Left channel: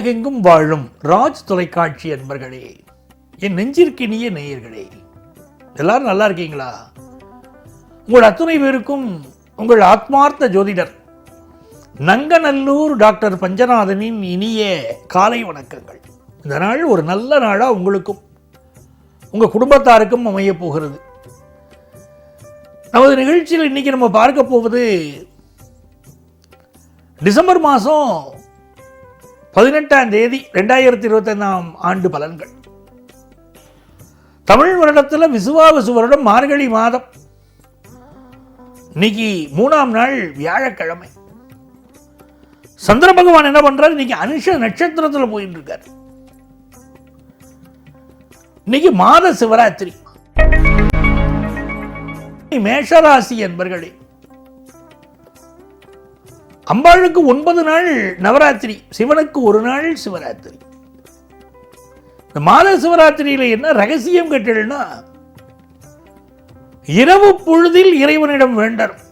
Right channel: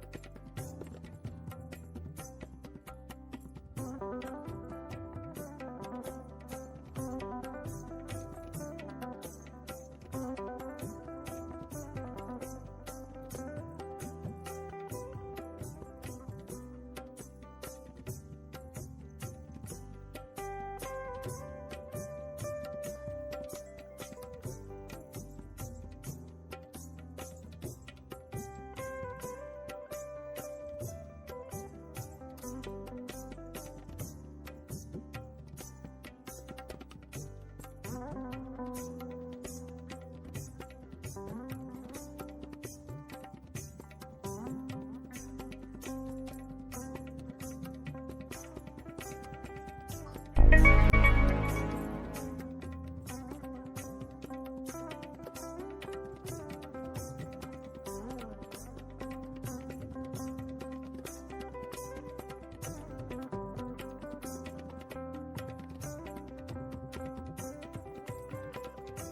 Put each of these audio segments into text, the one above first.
உலகெங்கும் வாழும் ராஜ் தொலைக்காட்சி அன்பர்களே, என் நெஞ்சிற்கினிய நேயர்களே, எல்லாரும் நல்லா இருக்கீங்களா? உங்கள் அத்துணை பேருக்கும் உங்கள் ஆத்மார்த்த ஜோதிடர் நங்கநல்லூர் டாக்டர் பஞ்சநாதனின் இனிய காலை வணக்கங்கள். இந்த நாள் ஒரு நல்ல நாளா உங்களுக்கும் உங்க குடும்பத்தாருக்கும் அமைய போகிறது. நமது நிகழ்ச்சியில் இன்னைக்கு நம்ம பார்க்க போவது டிசம்பர் மாதம் 18ஆம் தேதி 2025ஆம் ஆண்டு பலன்கள். தமிழ் வருடத்தில் விசுவாவசு வருடம் மார்கழி மாதம். இன்னைக்கு 3ஆம் நாள் வியாழக்கிழமை. சந்திர பகவான் என்ன பண்றாரு? இன்னைக்கு அனுஷ நட்சத்திரத்தில் போயிட்டு இருக்காரு. இன்னைக்கு மாத சிவராத்திரி. மேஷராசி என்பர்களே, அம்பாளுக்கு 9 நாள் நவராத்திரி, சிவனுக்கு 1 நாள் சிவராத்திரி. இந்த மாத சிவராத்திரியில என்ன ரகசியம் கேட்டீங்கன்னா, இரவு பொழுதில் இறைவனிடம் வேண்டணும்.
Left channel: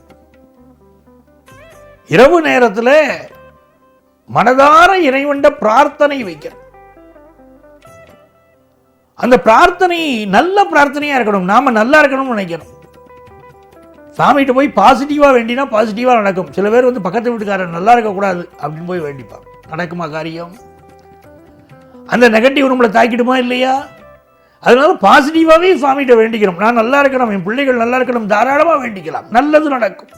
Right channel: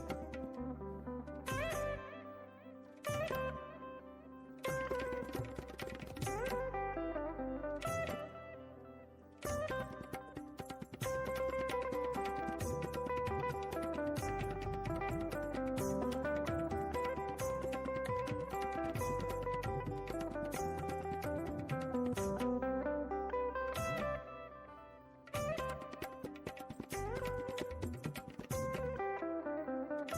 இரவு நேரத்தில் மனதார இறைவன்ட பிரார்த்தனை வைக்கணும். அந்த பிரார்த்தனை நல்ல பிரார்த்தனையா இருக்கணும். நாம நல்லா இருக்கணும்னு நினைக்கணும். சாமிகிட்ட போய் பாசிட்டிவாக வேண்டினா பாசிட்டிவாக நடக்கும். சில பேர் பக்கத்து வீட்டுக்காரன் நல்லா இருக்கக்கூடாது அப்படின்னு போய் வேண்டிப்பான். நடக்குமா காரியம்? அந்த நெகட்டிவ் நம்மளை தாக்கிடுமா இல்லையா? அதனால பாசிட்டிவாகவே சாமிகிட்ட வேண்டிக்கிறோம். நான் நல்லா இருக்கணும், என் பிள்ளைகள் நல்லா இருக்கணும், தாராளமாக வேண்டிக்கலாம், நல்லது நடக்கும்.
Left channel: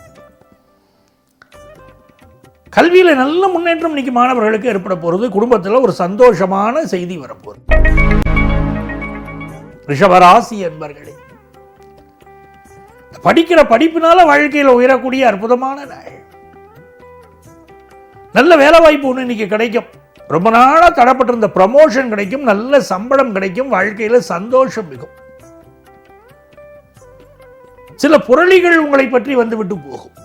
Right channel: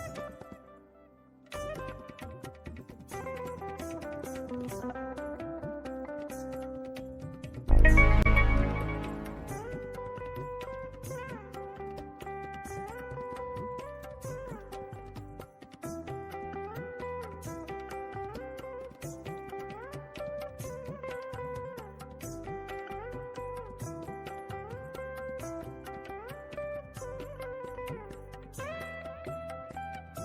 கல்வியில் நல்ல முன்னேற்றம் இன்னைக்கு மாணவர்களுக்கு ஏற்பட போகிறது. குடும்பத்தில் ஒரு சந்தோஷமான செய்தி வரப்போகுது. ரிஷபராசி என்பர்களே, படிக்கிற படிப்பினால வாழ்க்கையில் உயரக்கூடிய அற்புதமான நாள். நல்ல வேலை வாய்ப்பு ஒன்று இன்னைக்கு கிடைக்கும். ரொம்ப நாளா தடப்பட்டிருந்த ப்ரமோஷன் கிடைக்கும், நல்ல சம்பளம் கிடைக்கும், வாழ்க்கையில சந்தோஷம் மிகும். சில புரளிகள் உங்களை பற்றி வந்துவிட்டு போகும்.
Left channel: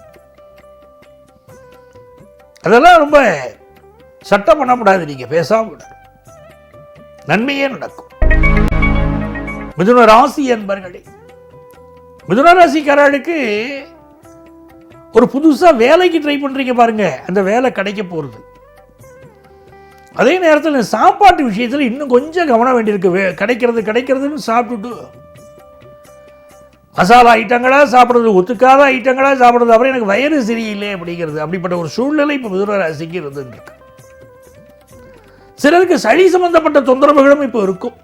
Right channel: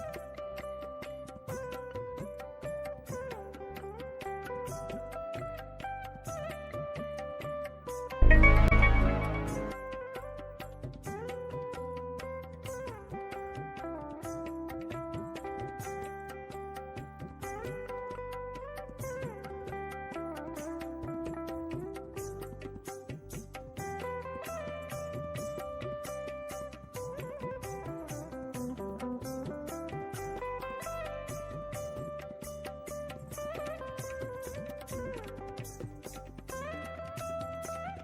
அதெல்லாம் ரொம்ப சட்டம் பண்ணக்கூடாது. நீங்க பேசாம நன்மையே நடக்கும். மிதுன ராசி என்பர்களே, மிதுன ராசிக்காரர்களுக்கு ஒரு புதுசா வேலைக்கு ட்ரை பண்றீங்க பாருங்க, அந்த வேலை கிடைக்க போறது. அதே நேரத்தில் சாப்பாட்டு விஷயத்தில் இன்னும் கொஞ்சம் கவனம் வேண்டியிருக்கு. கிடைக்கிறதுன்னு சாப்பிட்டுட்டு மசாலா ஐட்டங்களா சாப்பிட்றது, ஒத்துக்காத ஐட்டங்களா சாப்பிட்றது, அப்புறம் எனக்கு வயிறு சரியில்லை அப்படிங்கிறது. அப்படிப்பட்ட ஒரு சூழ்நிலை இப்போ மிதுன ராசிக்கு இருந்துருக்கு. சிலருக்கு சளி சம்பந்தப்பட்ட தொந்தரவுகளும் இப்போ இருக்கும்.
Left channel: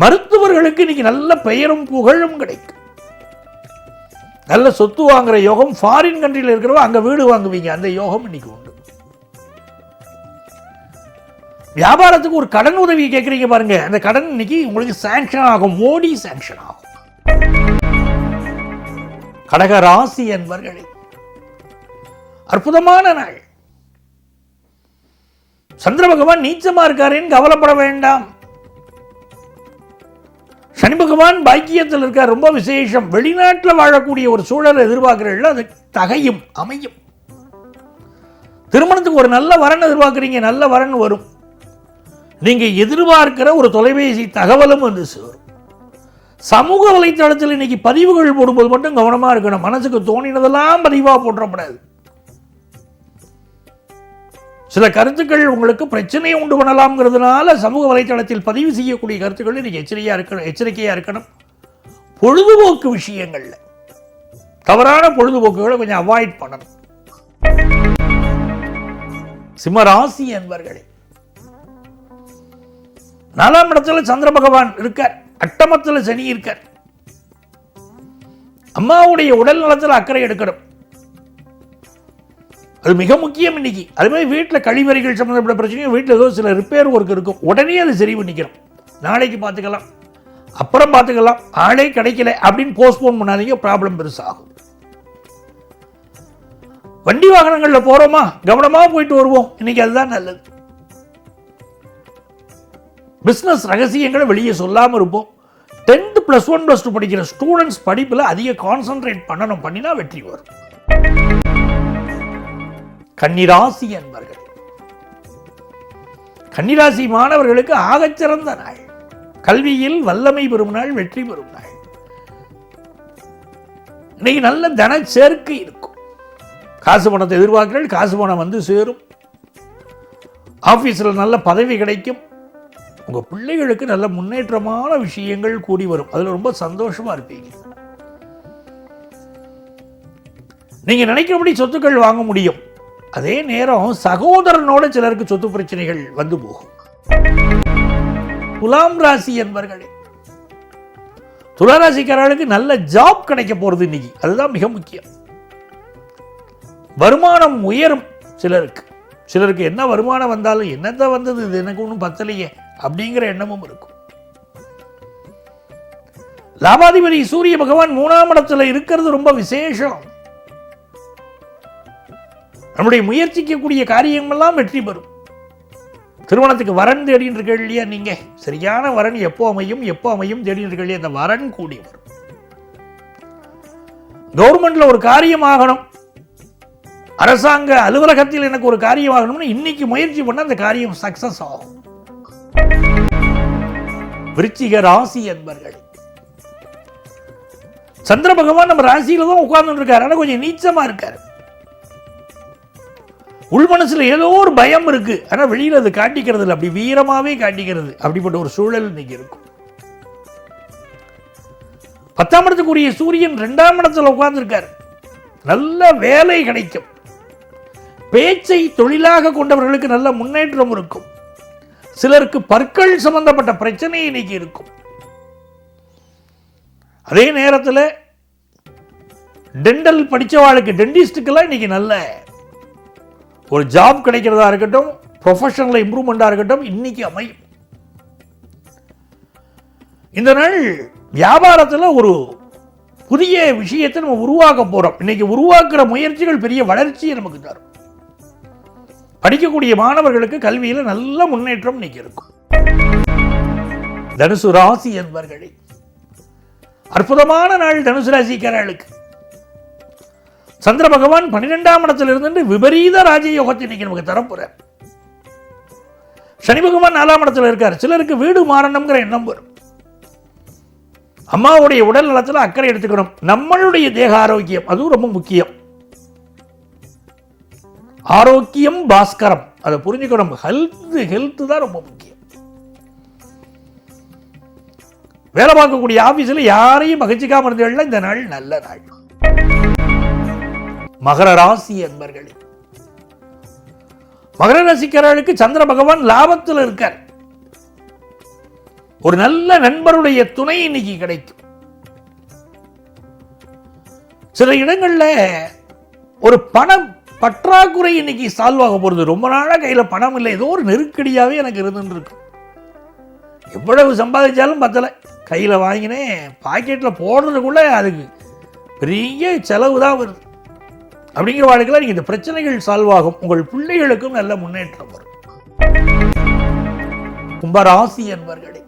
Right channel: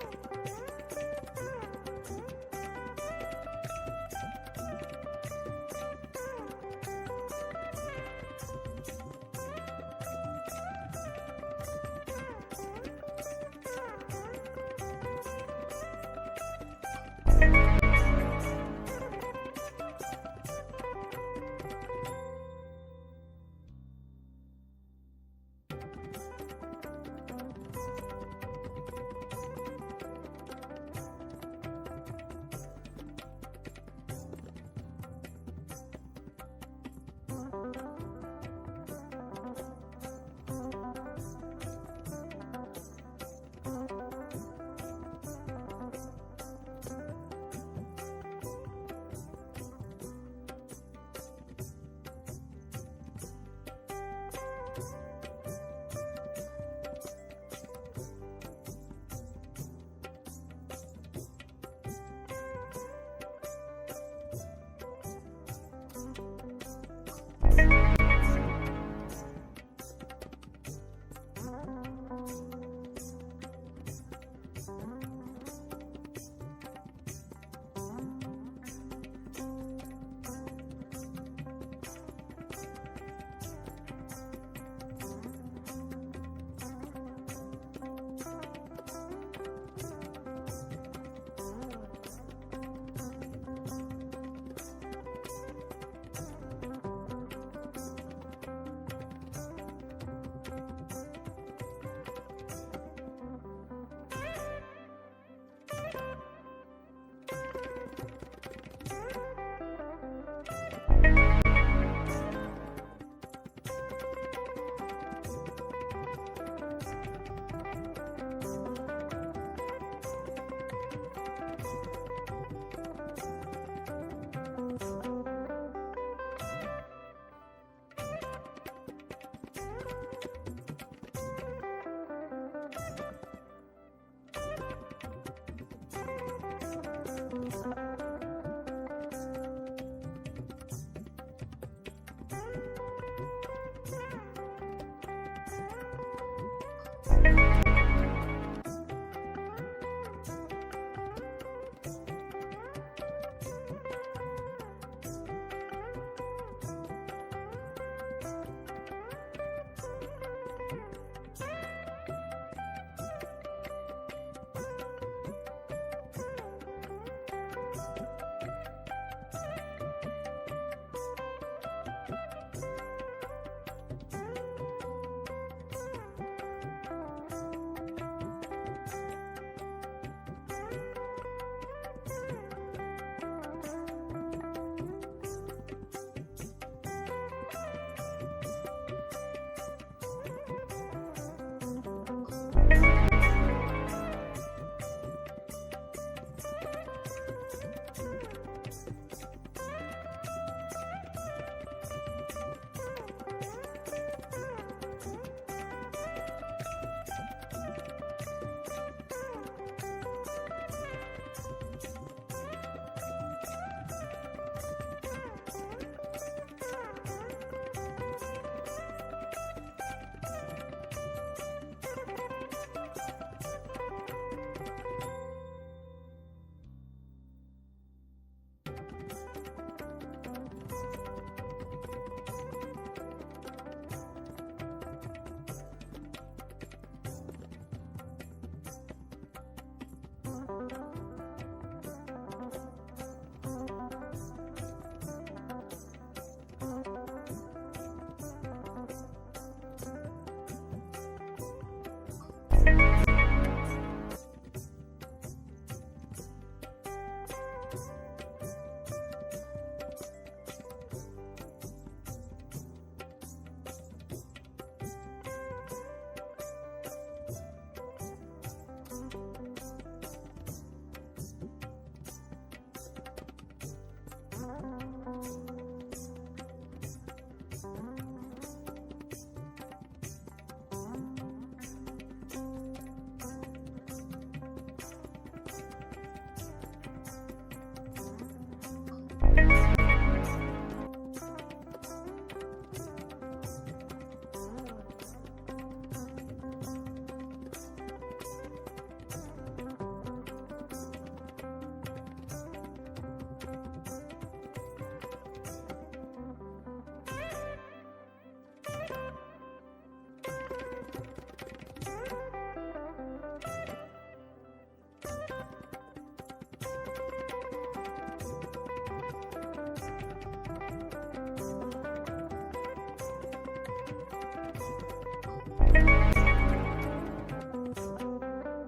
மருத்துவர்களுக்கு இன்னைக்கு நல்ல பெயரும் புகழும் கிடைக்கும். நல்ல சொத்து வாங்குற யோகம். ஃபாரின் கண்ட்ரியில் இருக்கிறவங்க அங்க வீடு வாங்குவீங்க, அந்த யோகம் இன்னைக்கு உண்டு. வியாபாரத்துக்கு ஒரு கடன் உதவி கேட்கறீங்க பாருங்க, அந்த கடன் இன்னைக்கு உங்களுக்கு சாங்ஷன் ஆகும். மோடி சாங்ஷன் ஆகும். கடக ராசி என்பர்களே, அற்புதமான நாள். சந்திர பகவான் நீச்சமா இருக்காருன்னு கவலைப்பட வேண்டாம். சனி பகவான் பாக்கியத்தில் இருக்கார், ரொம்ப விசேஷம். வெளிநாட்டில் வாழக்கூடிய ஒரு சூழலை எதிர்பார்க்கிறீர்கள், அது தகையும் அமையும். திருமணத்துக்கு ஒரு நல்ல வரன் எதிர்பார்க்கிறீங்க, நல்ல வரன் வரும். நீங்க எதிர்பார்க்கிற ஒரு தொலைபேசி தகவலும் வந்து சேரும். சமூக வலைத்தளத்தில் இன்னைக்கு பதிவுகள் போடும்போது மட்டும் கவனமா இருக்கணும். மனசுக்கு தோணினதெல்லாம் பதிவா போற்றப்படாது. சில கருத்துக்கள் உங்களுக்கு பிரச்சனையை உண்டு பண்ணலாம்ங்கிறதுனால சமூக வலைத்தளத்தில் பதிவு செய்யக்கூடிய கருத்துக்கள் நீங்க எச்சரிக்கையா இருக்கணும். பொழுதுபோக்கு விஷயங்கள்ல தவறான பொழுதுபோக்குகளை கொஞ்சம் அவாய்ட் பண்ணணும். சிம்மராசி என்பர்களே, 4ஆம் இடத்துல சந்திர பகவான் இருக்கார், அட்டமத்துல சனி இருக்கார். அம்மாவுடைய உடல் நலத்தில் அக்கறை எடுக்கணும், அது மிக முக்கியம் இன்னைக்கு. அது மாதிரி வீட்டில் கழிவறைகள் சம்பந்தப்பட்ட பிரச்சனையும், வீட்டில் ஏதோ சில ரிப்பேர் ஒர்க் இருக்கும், உடனே அது சரி பண்ணிக்கிறோம். நாளைக்கு பார்த்துக்கலாம், அப்புறம் பார்த்துக்கலாம், ஆளே கிடைக்கல அப்படின்னு போஸ்ட்போன் பண்ணாதீங்க, ப்ராப்ளம் பெருசாகும். வண்டி வாகனங்களில் போறோமா, கவனமா போயிட்டு வருவோம், இன்னைக்கு அதுதான் நல்லது. பிசினஸ் ரகசியங்களை வெளியே சொல்லாம இருப்போம். 10th +1 +2 படிக்கிற ஸ்டூடெண்ட்ஸ் படிப்புல அதிக கான்சென்ட்ரேட் பண்ணினா வெற்றி வரும். கன்னிராசி என்பர்கள், கன்னிராசி மாணவர்களுக்கு ஆகச்சிறந்த நாள். கல்வியில் வல்லமை பெறும் நாள், வெற்றி பெறும் நாள். இன்னைக்கு நல்ல தன சேர்க்கை இருக்கும். காசு பணத்தை எதிர்பார்க்கிறீர்கள், காசு பணம் வந்து சேரும். ஆஃபீஸில் நல்ல பதவி கிடைக்கும். உங்கள் பிள்ளைகளுக்கு நல்ல முன்னேற்றமான விஷயங்கள் கூடி வரும். அதில் ரொம்ப சந்தோஷமா இருப்பீங்க. நீங்கள் நினைக்கிறபடி சொத்துக்கள் வாங்க முடியும். அதே நேரம் சகோதரனோட சிலருக்கு சொத்து பிரச்சனைகள் வந்து போகும். துலாம் ராசி என்பர்களே, துளாராசிக்காரர்களுக்கு நல்ல ஜாப் கிடைக்க போறது இன்னைக்கு. அதுதான் மிக முக்கியம். வருமானம் உயரும். சிலருக்கு என்ன வருமானம் வந்தாலும் என்னதான் வந்தது, இது எனக்கு ஒன்றும் பத்தலையே அப்படிங்கிற எண்ணமும் இருக்கும். லாபாதிபதி சூரிய பகவான் 3ஆம் இடத்துல இருக்கிறது ரொம்ப விசேஷம். நம்முடைய முயற்சிக்கக்கூடிய காரியங்கள்லாம் வெற்றி பெறும். திருமணத்துக்கு வரன் தேடின்னு இருக்க இல்லையா, நீங்க சரியான வரன் எப்போ அமையும் தேடின்னு இருக்க இல்லையா, அந்த வரன் கூடி வரும். கவர்மெண்ட்ல ஒரு காரியம் ஆகணும், அரசாங்க அலுவலகத்தில் எனக்கு ஒரு காரியம் ஆகணும்னு இன்னைக்கு முயற்சி பண்ண அந்த காரியம் சக்சஸ் ஆகும். விருச்சிக ராசி என்பர்கள், சந்திர பகவான் நம்ம ராசியில தான் உட்கார்ந்து இருக்காரு. ஆனா கொஞ்சம் நீச்சமா இருக்காரு. உள் மனசுல ஏதோ ஒரு பயம் இருக்கு. ஆனா வெளியில அது காட்டிக்கிறது இல்லை, அப்படி வீரமாவே காட்டிக்கிறது. அப்படிப்பட்ட ஒரு சூழல் இன்னைக்கு இருக்கும். 10ஆம் இடத்துக்குரிய சூரியன் 2ஆம் இடத்துல உட்கார்ந்து இருக்காரு. நல்ல வேலை கிடைக்கும். பேச்சை தொழிலாக கொண்டவர்களுக்கு நல்ல முன்னேற்றம் இருக்கும். சிலருக்கு பற்கள் சம்பந்தப்பட்ட பிரச்சனை இன்னைக்கு இருக்கும். அதே நேரத்தில் டென்டல் படிச்சவாளுக்கு, டென்டிஸ்டுக்கெல்லாம் இன்னைக்கு நல்ல ஒரு ஜாப் கிடைக்கிறதா இருக்கட்டும், ப்ரொஃபஷனல் இம்ப்ரூவ்மெண்டா இருக்கட்டும், இன்னைக்கு அமையும். இந்த நாள் வியாபாரத்தில் ஒரு புதிய விஷயத்தை நம்ம உருவாக்க போறோம். இன்னைக்கு உருவாக்குற முயற்சிகள் பெரிய வளர்ச்சியை நமக்கு தரும். படிக்கக்கூடிய மாணவர்களுக்கு கல்வியில நல்ல முன்னேற்றம் இன்னைக்கு இருக்கும். தனுசு ராசி என்பர்களே, அற்புதமான நாள் தனுசு ராசிக்காரர்களுக்கு. சந்திர பகவான் 12ஆம் இடத்தில் இருந்து விபரீத ராஜயோகத்தை இன்னைக்கு நமக்கு தரப்போறார். சனி பகவான் 4ஆம் இடத்துல இருக்கார். சிலருக்கு வீடு மாறணுங்கிற எண்ணம் வரும். அம்மாவுடைய உடல் நலத்தில் அக்கறை எடுத்துக்கணும். நம்மளுடைய தேக ஆரோக்கியம் அதுவும் ரொம்ப முக்கியம். ஆரோக்கியம் பாஸ்கரம், அதை புரிஞ்சுக்கணும். ஹெல்த் தான் ரொம்ப முக்கியம். வேலை பார்க்கக்கூடிய ஆபீஸ்ல யாரையும் மகிழ்ச்சிக்காம இருந்தீங்கன்னா இந்த நாள் நல்ல நாள். மகர ராசி என்பர்களே, மகர ராசிக்காரர்களுக்கு சந்திர பகவான் லாபத்தில் இருக்கார். ஒரு நல்ல நண்பருடைய துணை இன்னைக்கு கிடைக்கும். சில இடங்கள்ல ஒரு பணம் பற்றாக்குறை இன்னைக்கு சால்வ் ஆக போறது. ரொம்ப நாளா கையில பணம் இல்லை, ஏதோ ஒரு நெருக்கடியாவே எனக்கு இருந்துருக்கு. எவ்வளவு சம்பாதிச்சாலும் பத்தல, கையில வாங்கினேன் பாக்கெட்ல போடுறதுக்குள்ள அதுக்கு பெரிய செலவு தான் வருது. அப்படிங்கிற வாழ்க்கையில் நீங்க இந்த பிரச்சனைகள் சால்வ் ஆகும். உங்கள் பிள்ளைகளுக்கும் நல்ல முன்னேற்றம் வரும். கும்பராசி என்பர்களே,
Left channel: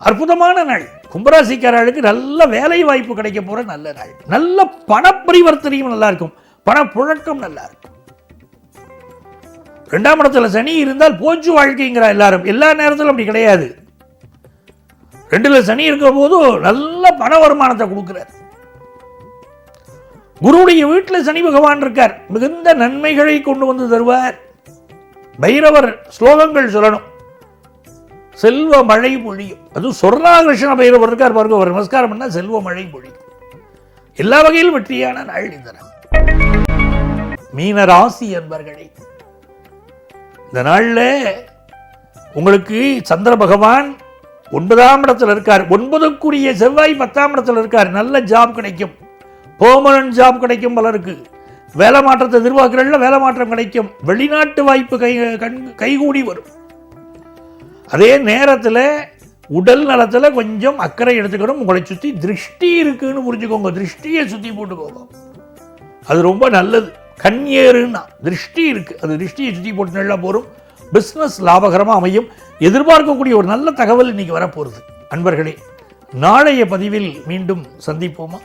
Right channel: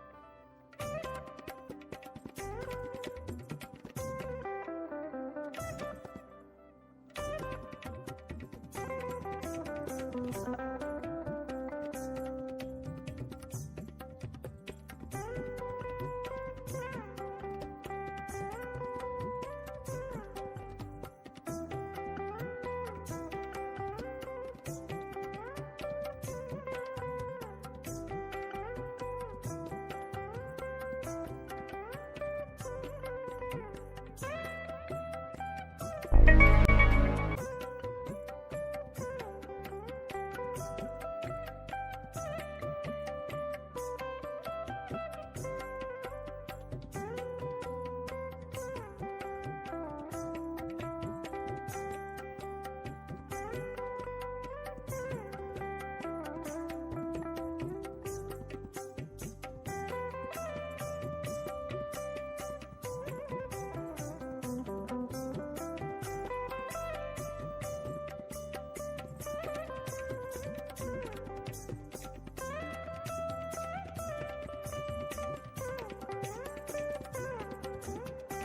அற்புதமான நாள். கும்பராசிக்காரர்களுக்கு நல்ல வேலை வாய்ப்பு கிடைக்க போற நல்ல நாள். நல்ல பண பரிவர்த்தனையும் நல்லா இருக்கும். பணப்புழக்கம் நல்லா இருக்கும். 2ஆம் இடத்துல சனி இருந்தால் போச்சு வாழ்க்கைங்கிற எல்லாரும். எல்லா நேரத்திலும் அப்படி கிடையாது. 2ல சனி இருக்கிற போது நல்ல பண வருமானத்தை கொடுக்கிறார். குருவுடைய வீட்டில் சனி பகவான் இருக்கார். மிகுந்த நன்மைகளை கொண்டு வந்து தருவார். பைரவர் ஸ்லோகங்கள் சொல்லணும். செல்வ மழை பொழியும். அதுவும் சொர்ணாகிருஷ்ண பைரவர் இருக்கார் பாருங்க, ஒரு நமஸ்காரம் பண்ணா செல்வ மழை பொழியும். எல்லா வகையிலும் வெற்றியான நாள் இந்த நாள். மீன ராசி என்பர்களே, இந்த நாள்ல உங்களுக்கு சந்திர பகவான் 9ஆம் இடத்துல இருக்கார். 9க்குரிய செவ்வாய் 10ஆம் இடத்துல இருக்கார். நல்ல ஜாப் கிடைக்கும். பெர்மனன்ட் ஜாப் கிடைக்கும். பலருக்கு வேலை மாற்றத்தை எதிர்பார்க்கிறதுல வேலை மாற்றம் கிடைக்கும். வெளிநாட்டு வாய்ப்பு கைகூடி வரும். அதே நேரத்தில் உடல் நலத்தில் கொஞ்சம் அக்கறை எடுத்துக்கணும். உங்களை சுற்றி திருஷ்டி இருக்குன்னு புரிஞ்சுக்கோங்க. திருஷ்டியை சுற்றி போட்டுக்கோங்க, அது ரொம்ப நல்லது. கண்ணியருன்னா திருஷ்டி இருக்கு, அது திருஷ்டியை சுற்றி போட்டு நல்லா போகும். பிஸ்னஸ் லாபகரமாக அமையும். எதிர்பார்க்கக்கூடிய ஒரு நல்ல தகவல் இன்னைக்கு வரப்போகிறது. அன்பர்களே, நாளைய பதிவில் மீண்டும் சந்திப்போமா?